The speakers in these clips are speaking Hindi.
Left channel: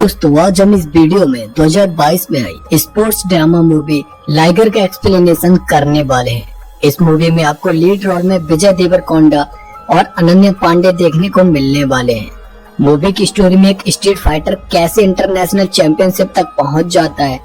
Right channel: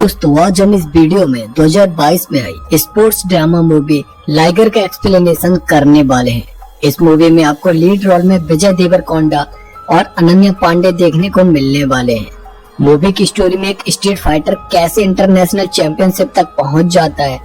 दोस्तों आज हम इस वीडियो में 2022 में आई स्पोर्ट्स ड्रामा मूवी लाइगर का एक्सप्लेनेशन करने वाले हैं। इस मूवी में आपको लीड रोल में विजय देवरकोंडा और अनन्या पांडे देखने को मिलने वाले हैं। मूवी की स्टोरी में एक स्ट्रीट फाइटर कैसे इंटरनेशनल चैंपियनशिप तक पहुंच जाता है,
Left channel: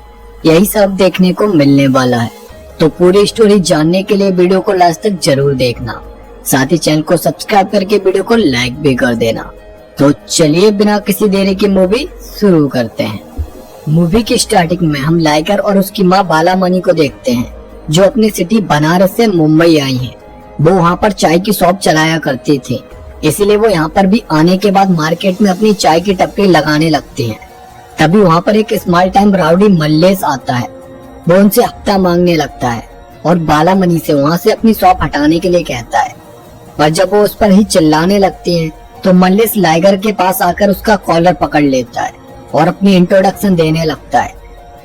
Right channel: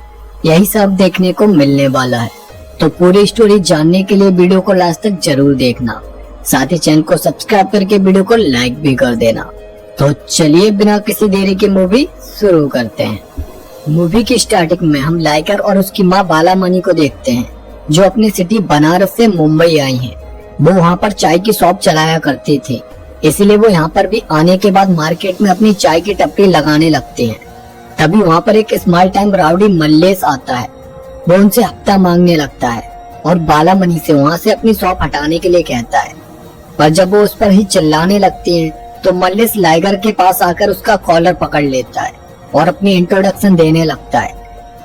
यही सब देखने को मिलने वाला है। तो पूरी स्टोरी जानने के लिए वीडियो को लास्ट तक जरूर देखना, साथ ही चैनल को सब्सक्राइब करके वीडियो को लाइक भी कर देना। तो चलिए बिना किसी देरी की मूवी शुरू करते हैं। मूवी की स्टार्टिंग में हम लाइगर और उसकी माँ बालामणि को देखते हैं, जो अपनी सिटी बनारस से मुंबई आई हैं। वो वहाँ पर चाय की शॉप चलाया करते थे, इसलिए वो यहाँ पर भी आने के बाद मार्केट में अपनी चाय की टपरी लगाने लगते हैं। तभी वहाँ पर एक स्मॉल टाइम राउडी मल्लेश आता है। वो उनसे हफ्ता मांगने लगता है और बालामणि से वहाँ से अपनी शॉप हटाने के लिए कहता है। पर जब वो उस पर ही चिल्लाने लगती है तो मल्लेश लाइगर के पास आकर उसका कॉलर पकड़ लेता है और अपनी इंट्रोडक्शन देने लगता है।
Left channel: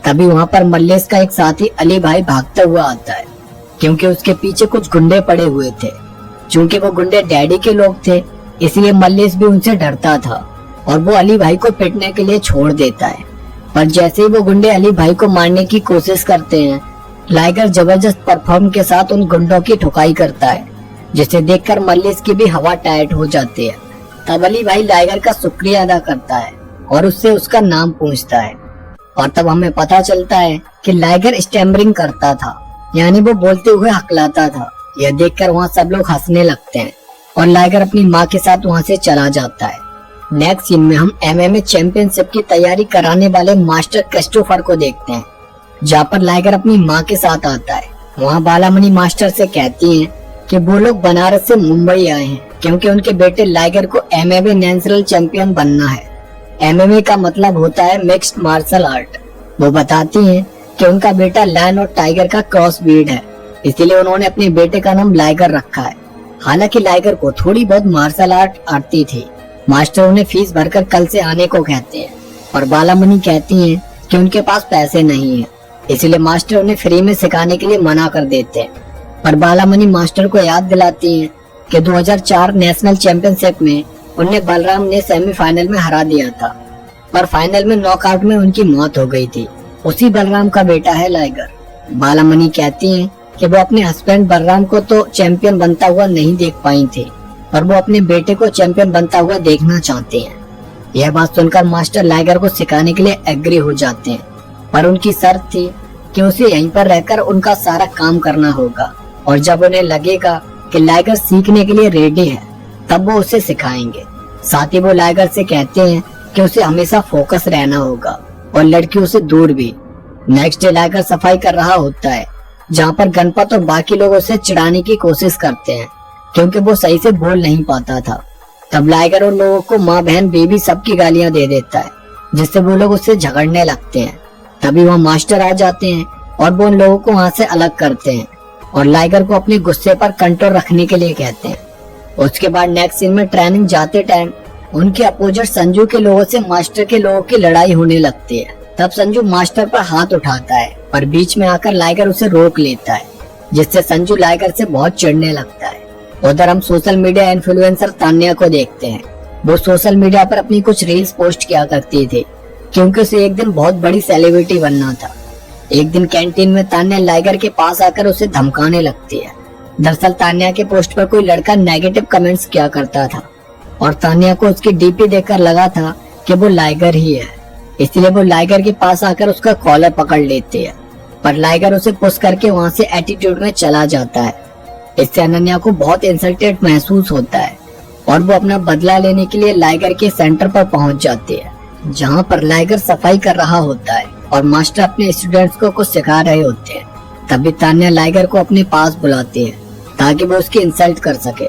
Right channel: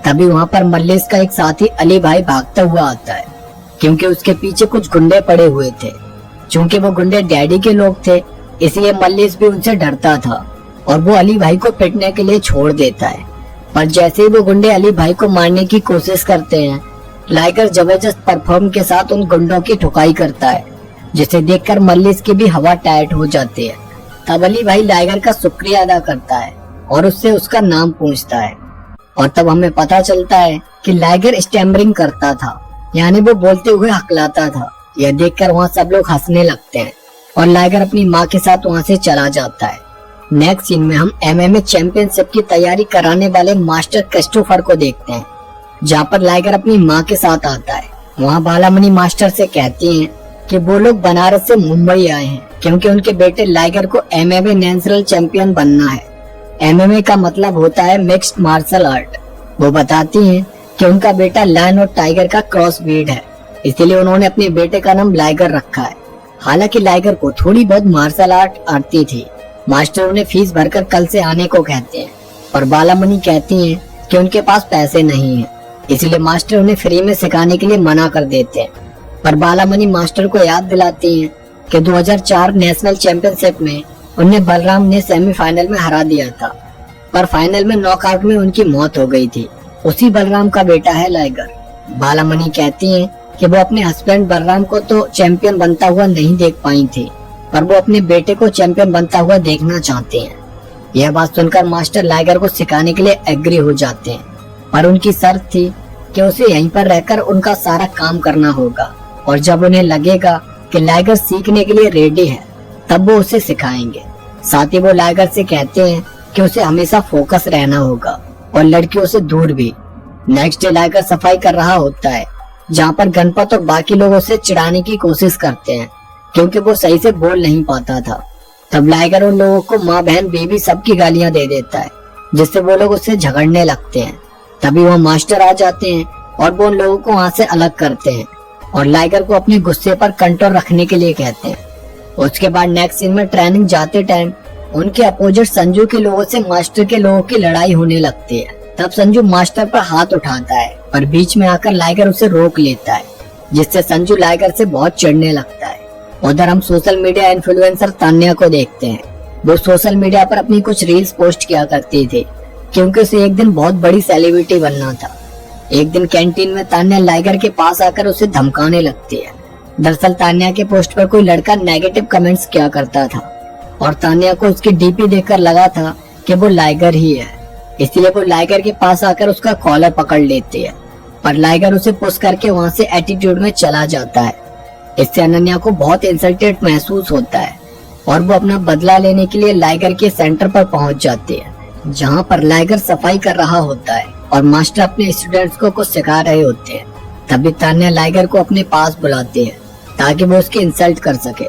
तभी वहाँ पर मल्लेश का एक साथी अली भाई भागता हुआ आता है, क्योंकि उसके पीछे कुछ गुंडे पड़े हुए थे। चूंकि वो गुंडे डैडी के लोग थे, इसलिए मल्लेश भी उनसे डरता था और वो अली भाई को पिटने के लिए छोड़ देता है। पर जैसे ही वो गुंडे अली भाई को मारने की कोशिश करते हैं, लाइगर जबरदस्त परफॉर्म के साथ उन गुंडों की ठुकाई करता है, जिसे देखकर मल्लेश की भी हवा टाइट हो जाती है। तब अली भाई लाइगर का शुक्रिया अदा करता है और उससे उसका नाम पूछता है। और तब हमें पता चलता है कि लाइगर स्टैमरिंग करता था, यानी वो बोलते हुए हकलाता था। यह देखकर वहाँ सब लोग हंसने लगते हैं और लाइगर अपनी माँ के साथ वहाँ से चला जाता है। नेक्स्ट सीन में हम MMA चैंपियनशिप की तैयारी कराने वाले मास्टर क्रिस्टोफर को देखते हैं, जहाँ पर लाइगर अपनी माँ के साथ आता है। वहाँ बालामणि मास्टर से कहती हैं कि वो लोग बनारस से मुंबई आए हैं, क्योंकि उनके बेटे लाइगर को MMA नेशनल चैंपियन बनना है। MMA का मतलब होता है मिक्स्ड मार्शल आर्ट। वो बताती हैं कि उनका बेटा लायन और टाइगर का क्रॉस ब्रीड है, इसलिए उन्होंने अपने बेटे का नाम लाइगर रखा है। हालांकि लाइगर को थोड़ी बहुत मार्शल आर्ट आती थी। मास्टर उन्हें फीस भरकर कल से आने को कहते हैं, पर बालामणि कहती हैं कि उनके पास पैसे नहीं है, इसलिए मास्टर उन्हें फ्री में सिखाने के लिए मना कर देते हैं। पर बालामणि मास्टर को याद दिलाती हैं कि 2004 नेशनल चैंपियनशिप में उन्हें बलराम ने सेमीफाइनल में हरा दिया था, पर फाइनल में नॉकआउट में उनकी मौत हो गई थी। उसी बलराम का बेटा है लाइगर। बालामणि कहती हैं कि वो अपने हस्बैंड बलराम को तो चैंपियन बनता हुआ नहीं देख पाई थी, पर वो अपने बेटे को चैंपियन बनता हुआ देखना चाहते हैं। यह बात सुनकर मास्टर लाइगर को सिखाने के लिए एग्री हो जाते हैं, पर उनकी शर्त थी कि उसे यहीं पर रहकर उनका सारा काम करना होगा, और जब उन्हें लगेगा कि लाइगर सीखने के लिए रेडी है, तब वो उसे सिखाएंगे। साथ ही वो लाइगर से कहते हैं कि उसे हमेशा फोकस रहना होगा और लड़कियों से दूर भी। नेक्स्ट डे लाइगर सफाई कर रहा होता है, जहाँ पर गणपत और बाकी लोग उसे चिढ़ाने की कोशिश करते हैं, क्योंकि वो सही से बोल नहीं पाता था। तब लाइगर उन लोगों को माँ बहन बेबी सबकी गालियां दे देता है, जिससे वो लोग उससे झगड़ने लगते हैं। तभी वह मास्टर आ जाते हैं और वो उन लोगों को वहाँ से अलग करते हैं और लाइगर को अपने गुस्से पर कंट्रोल रखने के लिए कहते हैं। उसके बाद नेक्स्ट सीन में ट्रेनिंग जाते टाइम उनके अपोजिट संजू के लोगों से मास्टर के लोगों की लड़ाई होने लगती है। तब संजू मास्टर पर हाथ उठाता है, पर बीच में आकर लाइगर उसे रोक लेता है, जिससे संजू लाइगर से बहुत चिढ़ने लगता है। उधर हम सोशल मीडिया इन्फ्लुएंसर तान्या को देखते हैं। वो सोशल मीडिया पर अपनी कुछ रील्स पोस्ट किया करती थी, क्योंकि उसे एक दिन बहुत बड़ी सेलिब्रिटी बनना था। एक दिन कैंटीन में तान्या लाइगर के पास आकर उसे धमकाने लगती है। दरअसल तान्या के पोस्ट पर कोई लड़का नेगेटिव कमेंट्स किया करता था और तान्या को उसकी डीपी देखकर लगा था कि वो लाइगर ही है, इसलिए वो लाइगर के पास आकर उसका कॉलर पकड़ लेती है। पर लाइगर उसे पुश करके वहाँ से एटीट्यूड में चला जाता है। इससे अनन्या को बहुत इंसल्टेड महसूस होता है और वो अपना बदला लेने के लिए लाइगर के सेंटर पर पहुँच जाती है, जहाँ पर लाइगर सफाई कर रहा होता है और मास्टर अपने स्टूडेंट्स को कुछ सिखा रहे होते हैं। तभी तान्या लाइगर को अपने पास बुलाती है ताकि वो उसकी इंसल्ट कर सके।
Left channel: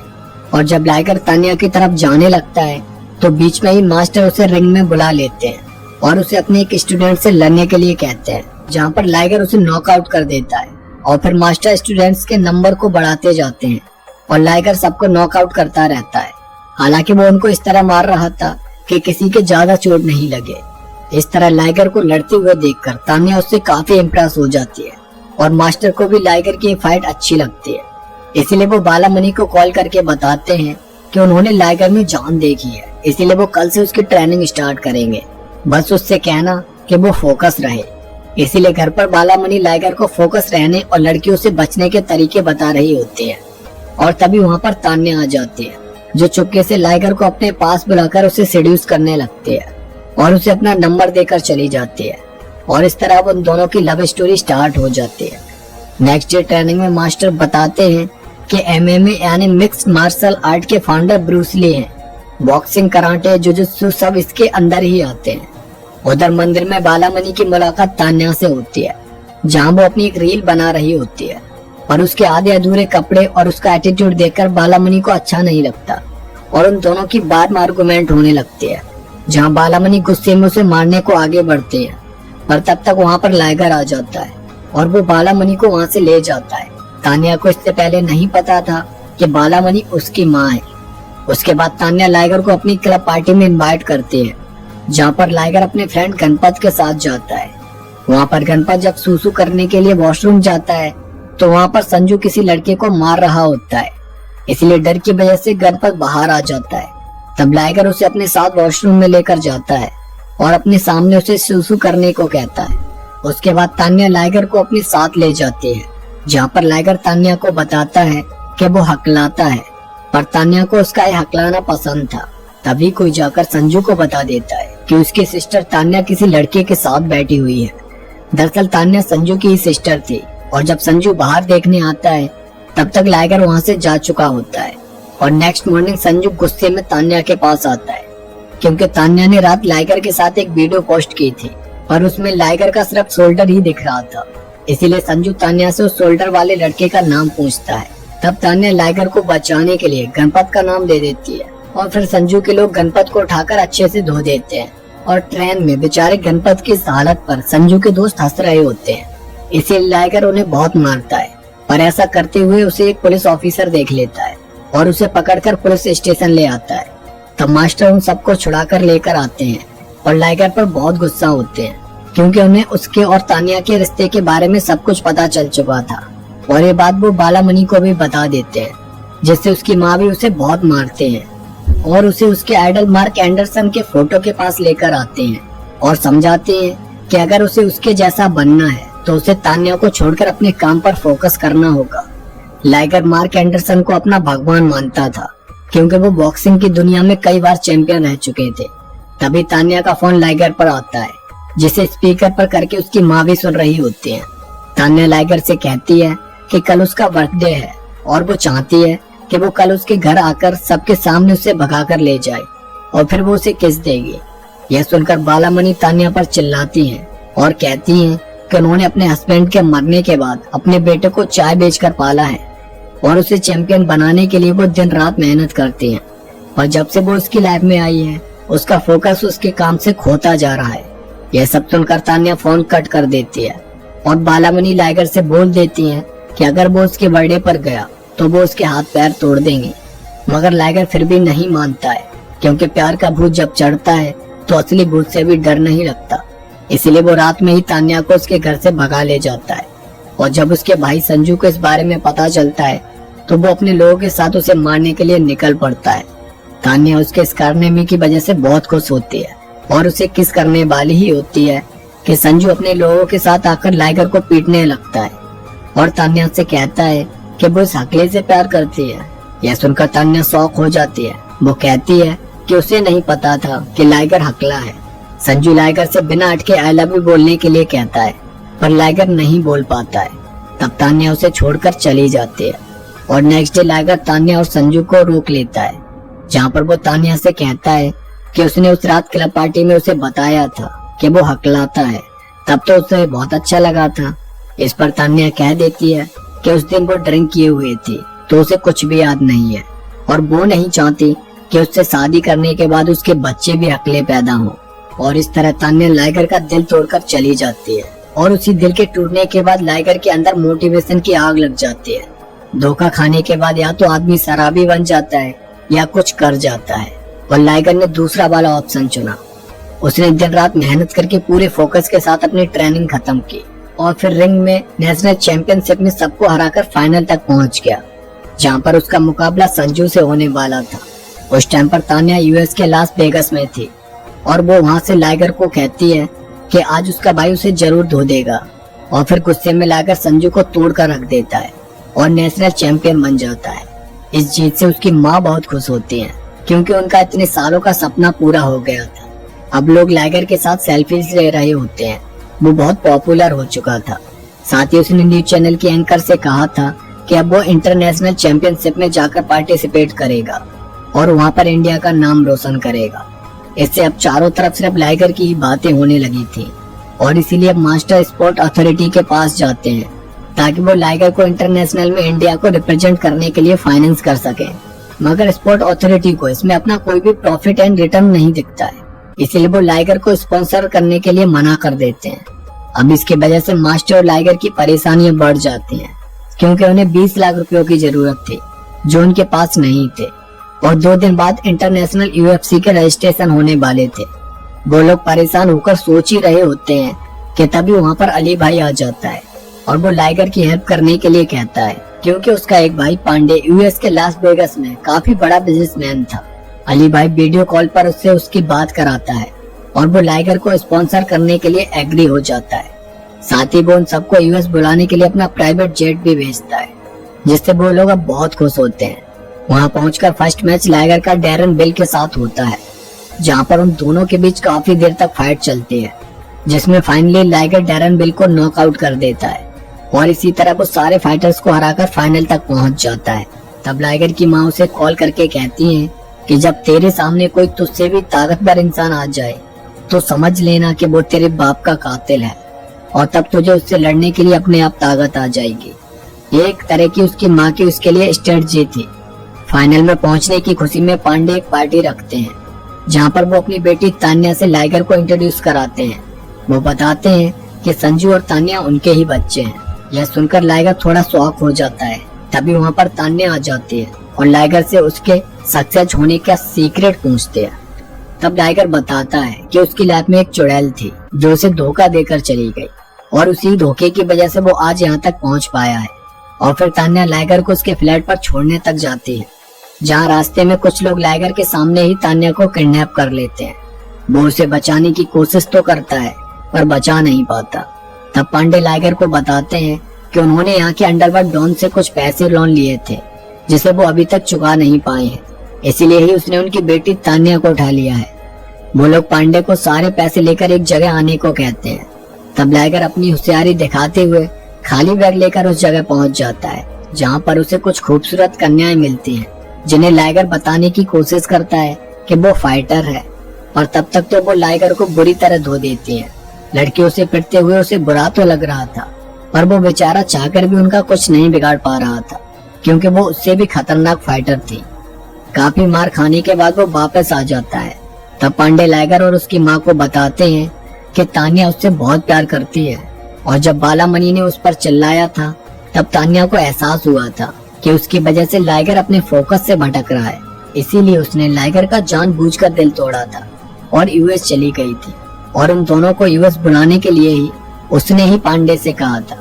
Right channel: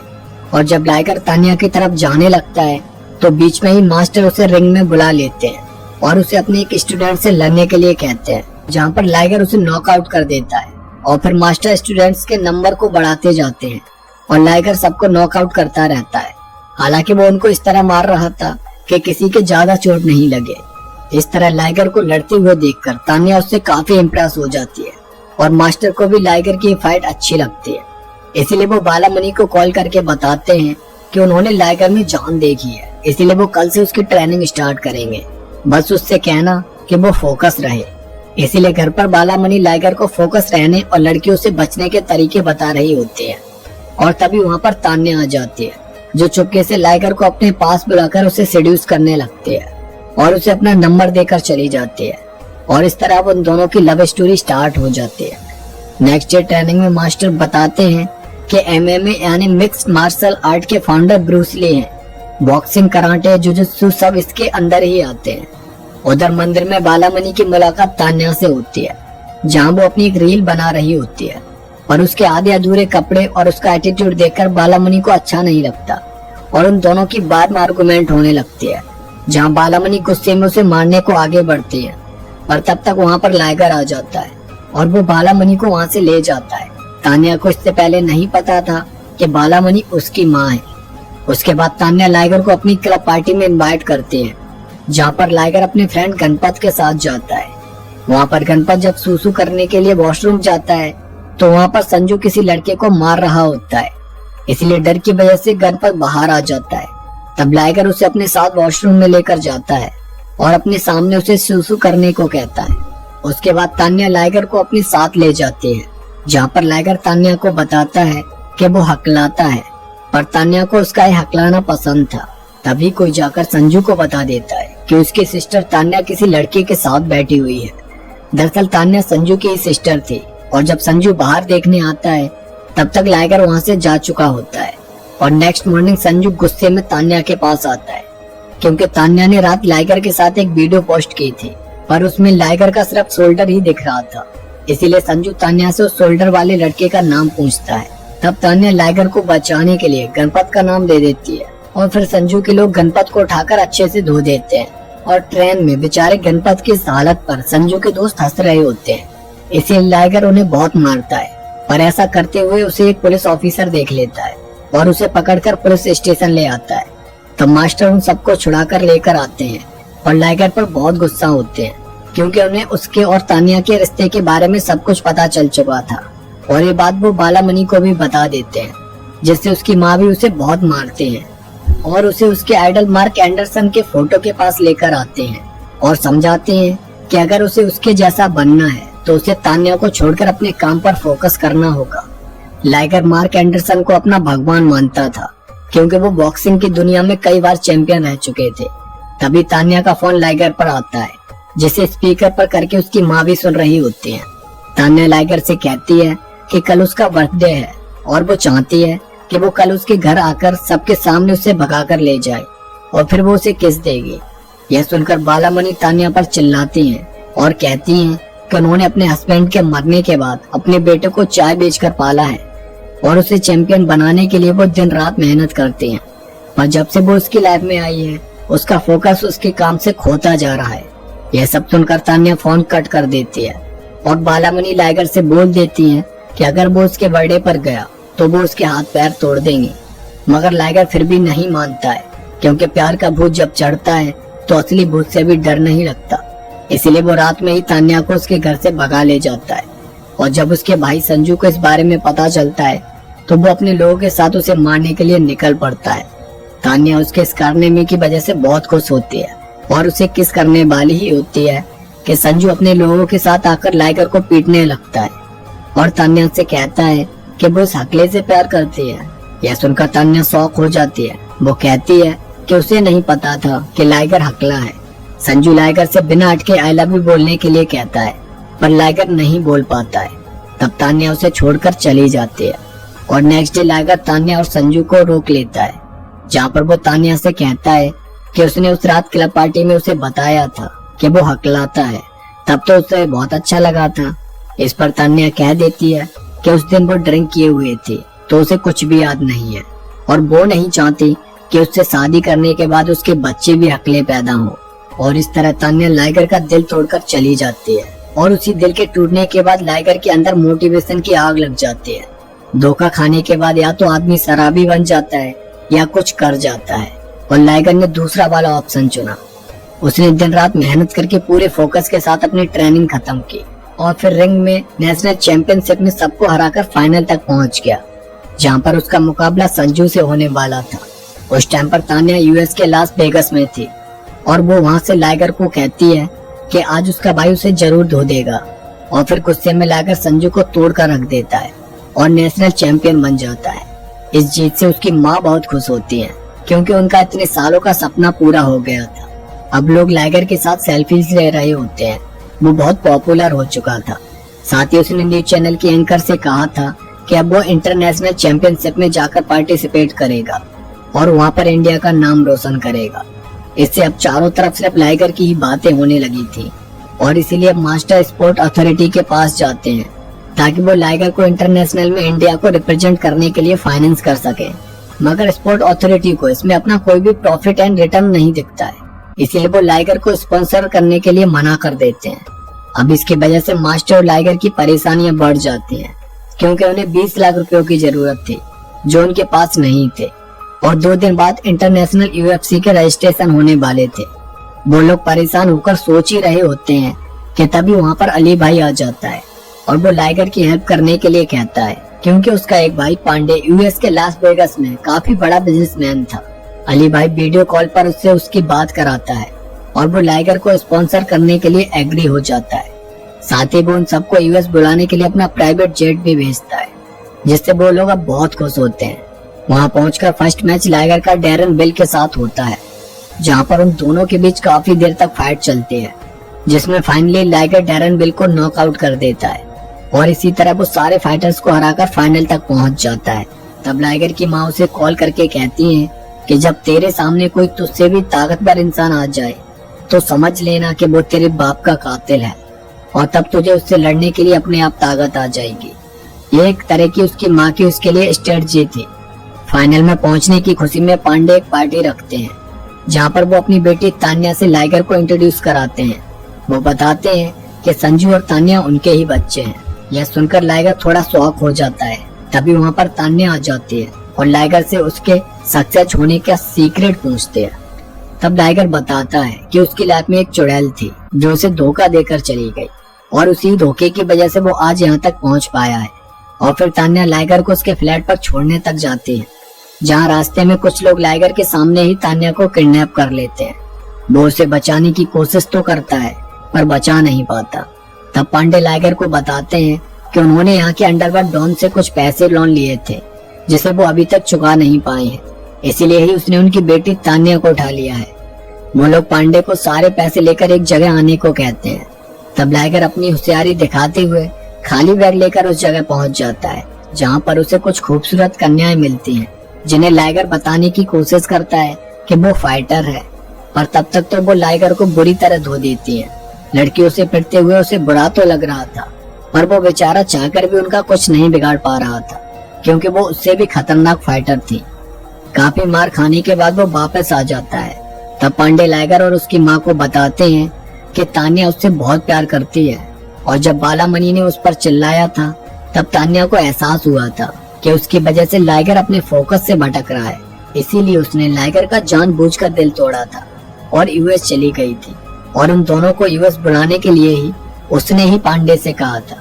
और जब लाइगर तान्या की तरफ जाने लगता है तो बीच में ही मास्टर उसे रिंग में बुला लेते हैं और उसे अपने एक स्टूडेंट से लड़ने के लिए कहते हैं, जहाँ पर लाइगर उसे नॉकआउट कर देता है। और फिर मास्टर स्टूडेंट्स के नंबर को बढ़ाते जाते हैं और लाइगर सबको नॉकआउट करता रहता है। हालांकि वो उनको इस तरह मार रहा था कि किसी के ज्यादा चोट नहीं लगे। इस तरह लाइगर को लड़ते हुए देखकर तान्या उससे काफी इम्प्रेस हो जाती है और मास्टर को भी लाइगर की फाइट अच्छी लगती है। इसीलिए वो बालामणि को कॉल करके बताते हैं कि उन्होंने लाइगर में जान देखी है, इसीलिए वो कल से उसकी ट्रेनिंग स्टार्ट करेंगे। बस उससे कहना कि वो फोकस रहे। इसीलिए घर पर बालामणि लाइगर को फोकस रहने और लड़कियों से बचने के तरीके बता रही होती है। और तभी वहाँ पर तान्या आ जाती है, जो चुपके से लाइगर को अपने पास बुलाकर उसे सेड्यूस करने लगती है और उसे अपना नंबर देकर चली जाती है। और इस तरह उन दोनों की लव स्टोरी स्टार्ट हो जाती है। नेक्स्ट डे ट्रेनिंग में मास्टर बताते हैं कि MMA यानी मिक्स्ड मार्शल आर्ट के फाउंडर ब्रूस ली हैं। बॉक्सिंग, कराटे, जुजुत्सु सब इसके अंदर ही आते हैं। उधर मंदिर में बालामणि की मुलाकात तान्या से होती है, जहाँ वो अपनी एक रील बना रही होती है। पर उसके आधे अधूरे कपड़े और उसका एटीट्यूड देखकर बालामणि को अच्छा नहीं लगता और उन दोनों की बाद में आर्गुमेंट होने लगती है, जहाँ बालामणि गुस्से में उसे मारने को आगे बढ़ती है। पर तब तक वहाँ पर लाइगर आ जाता है और वो बालामणि को वहाँ से ले जाता है। तान्या को इससे पहले नहीं पता था कि बालामणि उसकी माँ है। उसके बाद तान्या लाइगर को अपनी क्लब पार्टी में इनवाइट करती है, जहाँ पर लाइगर अपने फ्रेंड गणपत के साथ जाता है। वहाँ पर गणपत जब सूसू करने के लिए वॉशरूम जाता है तो वहाँ पर संजू किसी लड़के को मार रहा होता है, इसलिए डर की वजह से गणपत बाहर आ जाता है। तब लाइगर उसे अपने साथ वॉशरूम में लेकर जाता है और अपने सामने उसे सूसू करने को कहता है। उसके बाद तान्या लाइगर को अपने साथ ले जाती है, जहाँ पर लाइगर तान्या को बताता है कि वो हकलाता है, पर तान्या को उसका ये हकलाना पसंद था। तभी कोई जाकर संजू को बता देता है कि उसकी सिस्टर तान्या किसी लड़के के साथ बैठी हुई है। दरअसल तान्या संजू की ही सिस्टर थी और जब संजू बाहर देखने आता है तब तक लाइगर वहाँ से जा चुका होता है। और नेक्स्ट मॉर्निंग संजू गुस्से में तान्या के पास आता है, क्योंकि तान्या ने रात लाइगर के साथ एक वीडियो पोस्ट की थी, पर उसमें लाइगर का सिर्फ शोल्डर ही दिख रहा था। इसीलिए संजू तान्या से उस शोल्डर वाले लड़के का नाम पूछता है। तब तान्या लाइगर को बचाने के लिए गणपत का नाम दे देती है और फिर संजू के लोग गणपत को उठाकर अच्छे से धो देते हैं। और ट्रेन में बेचारे गणपत की इस हालत पर संजू के दोस्त हंस रहे होते हैं, इसीलिए लाइगर उन्हें बहुत मारता है। पर ऐसा करते हुए उसे एक पुलिस ऑफिसर देख लेता है और उसे पकड़कर पुलिस स्टेशन ले आता है। तब मास्टर उन सबको छुड़ाकर लेकर आते हैं और लाइगर पर बहुत गुस्सा होते हैं, क्योंकि उन्हें उसके और तान्या के रिश्ते के बारे में सब कुछ पता चल चुका था। और ये बात वो बालामणि को भी बता देते हैं, जिससे उसकी माँ भी उसे बहुत मारते हैं और उसे उसके आइडल मार्क एंडरसन के फोटो के पास लेकर आते हैं और समझाते हैं कि अगर उसे उसके जैसा बनना है तो उसे तान्या को छोड़कर अपने काम पर फोकस करना होगा। लाइगर मार्क एंडरसन को अपना भगवान मानता था, क्योंकि वो बॉक्सिंग की दुनिया में कई बार चैंपियन रह चुके थे। तभी तान्या का फोन लाइगर पर आता है, जिसे स्पीकर पर करके उसकी माँ भी सुन रही होती है। तान्या लाइगर से कहती है कि कल उसका बर्थडे है और वो चाहती है कि वो कल उसके घर आकर सबके सामने उसे भगाकर ले जाए और फिर वो उसे किस देगी। यह सुनकर बालामणि तान्या पर चिल्लाती है और कहती है कि उन्होंने अपने हस्बैंड के मरने के बाद अपने बेटे को चाय बेचकर पाला है और उसे चैंपियन बनाने के लिए वो दिन रात मेहनत करते हैं। पर जब से वो उसकी लाइफ में आई है उसका फोकस उसके काम से खोता जा रहा है। यह सब सुनकर तान्या फोन कट कर देती है और बालामणि लाइगर से बोल देती है कि अगर वो उसके बर्थडे पर गया तो वो उसके हाथ पैर तोड़ देंगी। मगर लाइगर फिर भी नहीं मानता है, क्योंकि प्यार का भूत जब चढ़ता है तो असली भूत से भी डर नहीं लगता। इसीलिए वो रात में ही तान्या को उसके घर से भगा ले जाता है। और जब उसके भाई संजू को इस बारे में पता चलता है तो वो अपने लोगों के साथ उसे मारने के लिए निकल पड़ता है। तान्या उसके इस कारनामे की वजह से बहुत खुश होती है और उसे किस करने वाली ही होती है कि संजू अपने लोगों के साथ आकर लाइगर को पीटने लगता है और तान्या उससे कहता है कि वो इस हकले से प्यार करती है। यह सुनकर तान्या शॉक हो जाती है। वो कहती है कि उसे नहीं पता था कि लाइगर हकला है। संजू लाइगर से बिना अटके आई लव यू बोलने के लिए कहता है, पर लाइगर नहीं बोल पाता है। तब तान्या उसे छोड़कर चली जाती है और नेक्स्ट डे लाइगर तान्या और संजू को रोक लेता है, जहाँ पर वो तान्या से कहता है कि उसने उस रात क्लब पार्टी में उसे बताया था कि वो हकलाता है। तब तो उसे बहुत अच्छा लगा था। इस पर तान्या कह देती है कि उस दिन वो ड्रिंक किए हुए थी तो उसे कुछ भी याद नहीं है और वो नहीं चाहती कि उससे शादी करने के बाद उसके बच्चे भी हकले पैदा हों। और इस तरह तान्या लाइगर का दिल तोड़कर चली जाती है और उसी दिल के टूटने के बाद लाइगर के अंदर मोटिवेशन की आग लग जाती है। धोखा खाने के बाद या तो आदमी शराबी बन जाता है या कुछ कर जाता है, और लाइगर ने दूसरा वाला ऑप्शन चुना। उसने दिन रात मेहनत करके पूरे फोकस के साथ अपनी ट्रेनिंग खत्म की और फिर रिंग में नेशनल चैंपियनशिप में सबको हराकर फाइनल तक पहुंच गया, जहां पर उसका मुकाबला संजू से होने वाला था। उस टाइम पर तान्या यूएस के लास वेगास में थी और वो वहाँ से लाइगर को कहती है कि आज उसका भाई उसे जरूर धो देगा। और फिर गुस्से में लाइगर संजू को तोड़कर रख देता है और नेशनल चैंपियन बन जाता है। इस जीत से उसकी माँ बहुत खुश होती है क्योंकि उनका इतने सालों का सपना पूरा हो गया था। अब लोग लाइगर के साथ सेल्फीज ले रहे होते हैं। वो बहुत पॉपुलर हो चुका था। साथ ही उसने न्यूज चैनल के एंकर से कहा था कि अब वो इंटरनेशनल चैंपियनशिप में जाकर पार्टिसिपेट करेगा और वहाँ पर इंडिया का नाम रोशन करेगा। इससे अब चारों तरफ सिर्फ लाइगर की ही बातें होने लगी थी और इसीलिए अब मास्टर स्पोर्ट अथॉरिटी के पास जाते हैं ताकि वो लाइगर को इंटरनेशनल में इंडिया को रिप्रेजेंट करने के लिए फाइनेंस कर सके। मगर स्पोर्ट अथॉरिटी को इसमें अपना कोई भी प्रॉफिट एंड रिटर्न नहीं दिखता है, इसलिए वो लाइगर को स्पॉन्सर करने के लिए मना कर देते हैं। अब इसकी वजह से मास्टर और लाइगर की परेशानियां बढ़ जाती हैं क्योंकि उन्हें 20 लाख रुपयों की जरूरत थी जो उनके पास नहीं थे और 2 दिन बाद इंटरनेशनल यूएफसी के रजिस्ट्रेशन होने वाले थे। वो लोग परेशान होकर सोच ही रहे होते हैं कि तभी वहाँ पर अली भाई आ जाता है और वो लाइगर की हेल्प करने के लिए कहता है क्योंकि उसका एक भाई पांडे यूएस के लास वेगास में काफी बड़ा बिजनेसमैन था। अली भाई वीडियो कॉल पर उससे उसकी बात कराता है और वो लाइगर को स्पॉन्सर करने के लिए एग्री हो जाता है। साथ ही वो उन सबको यूएस बुलाने के लिए अपना प्राइवेट जेट भी भेजता है जिससे वो लोग अब बहुत खुश होते हैं। वहाँ पहुंचकर फर्स्ट मैच लाइगर का डैरन बिल के साथ होता है जहाँ पर उन दोनों के बीच काफी देर तक फाइट चलती है जिसमें फाइनली लाइगर डैरन बिल को नॉकआउट कर देता है और इसी तरह वो सारे फाइटर्स को हराकर फाइनल तक पहुंच जाता है। तब लाइगर की माँ उसे कॉल करके कहती है कि जब तेरे सामने कोई तुझसे भी ताकतवर इंसान आ जाए तो समझ लेना कि वो तेरे बाप का कातिल है और तब तुझे उससे लड़ने के लिए अपने आप ताकत आ जाएगी। ये एक तरह की उसकी माँ की उसके लिए स्ट्रेटजी थी। फाइनल में पहुंचने की खुशी में पांडे एक पार्टी रखते हैं जहाँ पर वो अपनी बेटी तान्या से लाइगर को इंट्रोड्यूस कराते हैं। वो बताते हैं कि संजू और तान्या उनके ही बच्चे हैं। यह सुनकर लाइगर थोड़ा शॉक हो जाता है। तभी वहाँ पर तान्या आ जाती है और लाइगर से उसके सक्सेस होने का सीक्रेट पूछते हैं। तब लाइगर बताता है कि उसकी लाइफ में एक चुड़ैल थी जो उसे धोखा देकर चली गई और उसी धोखे की वजह से वो आज यहाँ तक पहुँच पाया है। और फिर तान्या लाइगर को उसके फ्लैट पर छोड़ने तक जाती है जहाँ रास्ते में कुछ लोग लाइगर के सामने ही तान्या को किडनैप कर लेते हैं। वो उसे बचाने की कोशिश तो करता है पर बचा नहीं पाता। तब पांडे लाइगर को बताते हैं कि उन्होंने यहाँ के अंडरवर्ल्ड डॉन से कुछ पैसे लोन लिए थे जिसे वो अभी तक चुका नहीं पाए हैं, इसीलिए ही उसने उनकी बेटी तान्या को उठा लिया है। वो लोग पांडे को सारे पैसे लेकर एक जगह आने को कहते हैं। तब लाइगर अपनी होशियारी दिखाते हुए खाली बैग लेकर उस जगह पहुंच जाता है जहाँ पर उसे कुछ खूबसूरत कन्याएं मिलती हैं जिन्हें लाइगर बताने की कोशिश करता है कि वो फाइटर है। और तब तक तो वो लाइगर को बुरी तरह धो देती है। लड़कियों से पिटते हुए उसे बुरा तो लग रहा था पर वो बेचारा चाहकर भी उनका कुछ नहीं बिगाड़ पा रहा था क्योंकि वो उससे भी खतरनाक फाइटर थी। काफी मार खाने के बाद वो वापस आ जाता है। तब पांडे लाइगर और उसकी माँ को बताते हैं कि तान्या उससे बहुत प्यार करती है और जब बालामणि ने उस पर चिल्लाया था तब तान्या को एहसास हुआ था कि उसकी वजह से लाइगर अपने फोकस से भटक रहा है, इसीलिए उसने लाइगर का जानबूझकर दिल तोड़ा था और यूएस चली गई थी। और उन दोनों को यूएस बुलाने के लिए ही उसने ही पांडे से कहा था।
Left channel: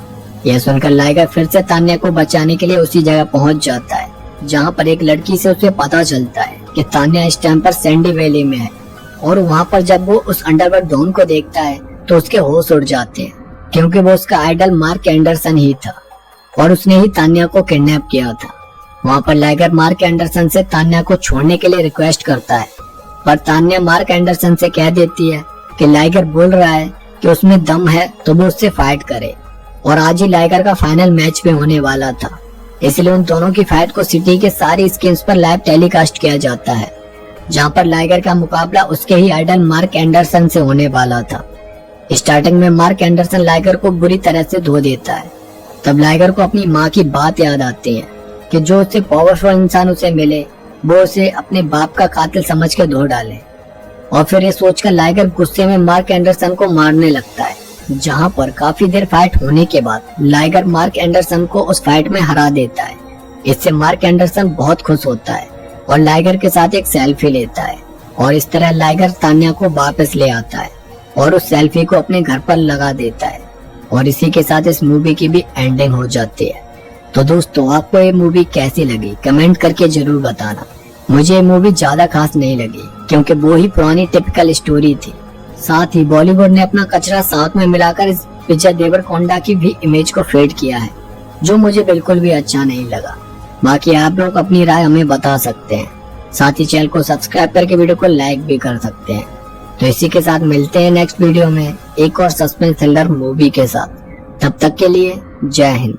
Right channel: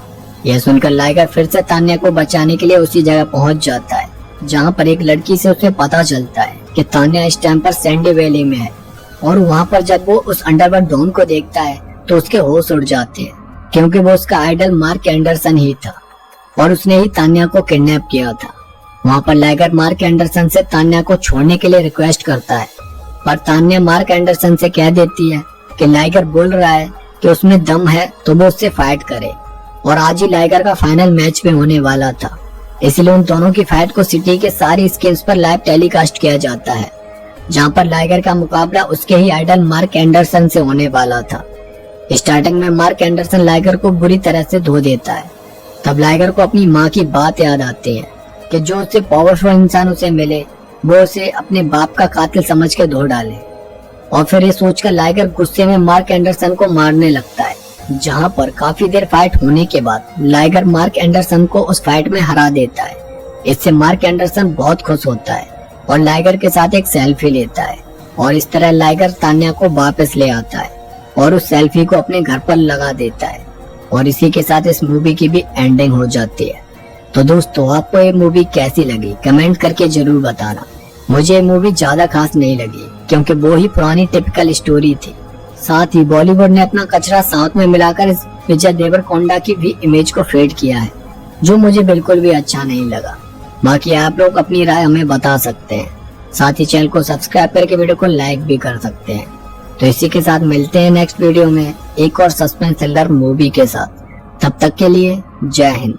यह सुनकर लाइगर फिर से तान्या को बचाने के लिए उसी जगह पहुंच जाता है जहाँ पर एक लड़की से उसे पता चलता है कि तान्या इस टाइम पर सैंडी वैली में है। और वहाँ पर जब वो उस अंडरवर्ल्ड डॉन को देखता है तो उसके होश उड़ जाते हैं क्योंकि वो उसका आइडल मार्क एंडरसन ही था और उसने ही तान्या को किडनैप किया था। वहाँ पर लाइगर मार्क एंडरसन से तान्या को छोड़ने के लिए रिक्वेस्ट करता है पर तान्या मार्क एंडरसन से कह देती है कि लाइगर बोल रहा है कि उसमें दम है तो वो उससे फाइट करे और आज ही लाइगर का फाइनल मैच में होने वाला था, इसलिए उन दोनों की फाइट को सिटी के सारे स्क्रीन्स पर लाइव टेलीकास्ट किया जाता है जहाँ पर लाइगर का मुकाबला उसके ही आइडल मार्क एंडरसन से होने वाला था। स्टार्टिंग में मार्क एंडरसन लाइगर को बुरी तरह से धो देता है। तब लाइगर को अपनी माँ की बात याद आती है कि जो उससे पावरफुल इंसान उसे मिले वो उसे अपने बाप का कातिल समझ के धो डाले। और फिर ये सोचकर लाइगर गुस्से में मार्क एंडरसन को मारने लगता है जहाँ पर काफी देर फाइट होने के बाद लाइगर मार्क एंडरसन को उस फाइट में हरा देता है। इससे मार्क एंडरसन बहुत खुश होता है और लाइगर के साथ एक सेल्फी लेता है और इस तरह लाइगर तान्या को वापस ले आता है और उस सेल्फी को अपने घर पर लगा देता है। और इसी के साथ इस मूवी की भी एंडिंग हो जाती है। तो दोस्तों आपको ये मूवी कैसी लगी कमेंट करके जरूर बताना। मुझे ये मूवी ज्यादा खास नहीं लगी क्योंकि वो ही पुरानी टिपिकल स्टोरी थी। साथ ही बॉलीवुड ने अपना कचरा साउथ में मिलाकर इस विजय देवरकोंडा की भी इमेज को फेड किया है, जो मुझे बिल्कुल भी अच्छा नहीं लगा। बाकी आप लोग अपनी राय हमें बता सकते हैं। साथ ही चैनल को सब्सक्राइब करके वीडियो को लाइक भी कर सकते हैं। तो इसी के साथ मिलते हैं नेक्स्ट वीडियो में एक और सस्पेंस थ्रिलर मूवी के साथ। तब तक के लिए जय हिंद।